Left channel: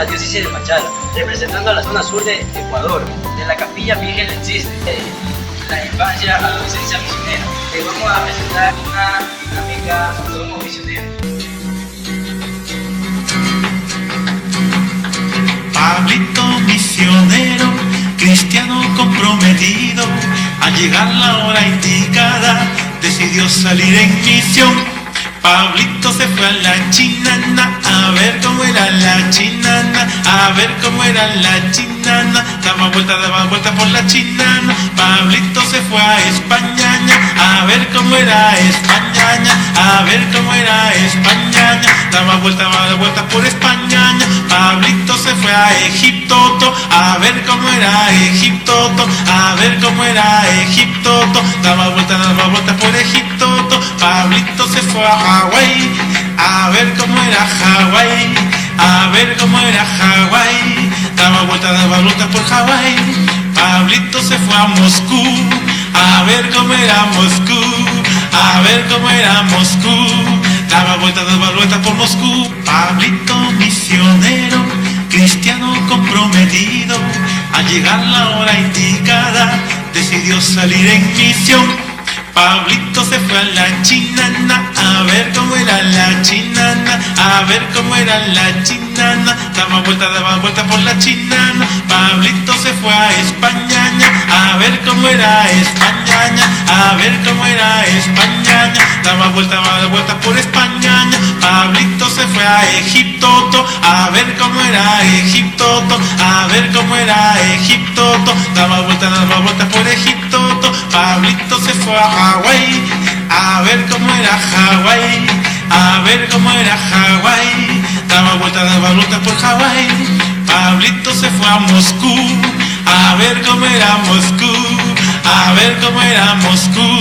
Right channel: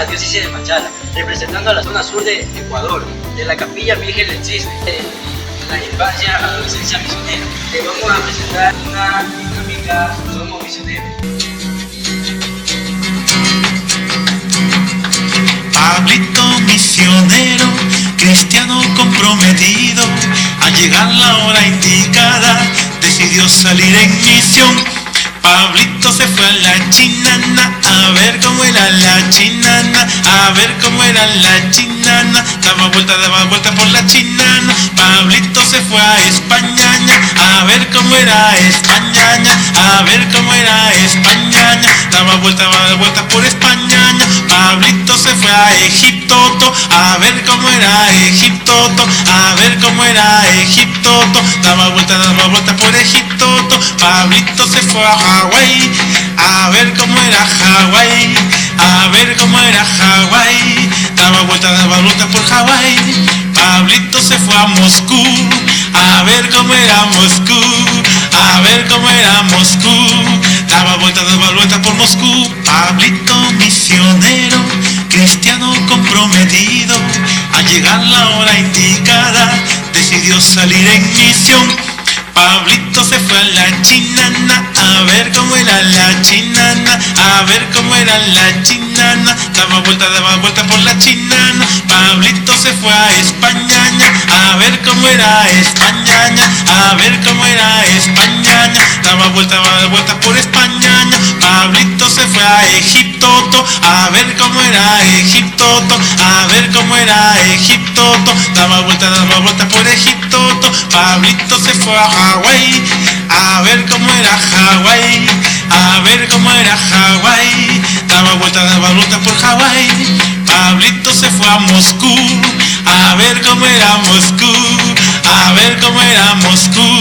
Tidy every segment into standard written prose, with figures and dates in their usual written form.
la diócesis de Machala, representando a la zona sur de Ecuador, de la Capilla Virgen del Cisne, de la infancia a la adolescencia misionera. Te vamos a presentar una dinámica Somos Misioneros. Pablito misionero, cristiano comprometido, al llegar la hora indicada, decidió salir en misión. Pablito se fue a la chinana, a ver cómo era la chinana, a ver cómo era la chinana, daba vuelta por la chinana. Pablito se fue a Españaña, a ver cómo era Españaña, a ver cómo era Españaña, daba vuelta por Españaña. Pablito se fue a Egipto, a ver cómo era Egipto, a ver cómo era Egipto, daba vuelta por Egipto. Pablito se fue a Hawái, a ver cómo era Hawái, a ver cómo era Hawái, daba vuelta por Hawái. Pablito se fue a Moscú, a ver cómo era Moscú, a ver cómo era Moscú, daba vuelta por Moscú. Pablito misionero, cristiano comprometido, al llegar la hora indicada, decidió salir en misión. Pablito se fue a la chinana, a ver cómo era la chinana, a ver cómo era la chinana, daba vuelta por la chinana. Pablito se fue a Españaña, a ver cómo era Españaña, a ver cómo era Españaña, daba vuelta por Españaña. Pablito se fue a Egipto, a ver cómo era Egipto, a ver cómo era Egipto, daba vuelta por Egipto. Pablito se fue a Hawái, a ver cómo era Hawái, a ver cómo era Hawái, daba vuelta por Hawái. Pablito se fue a Moscú, a ver cómo era Moscú, a ver cómo era Moscú,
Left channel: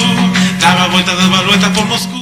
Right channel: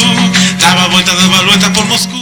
daba vuelta por Moscú.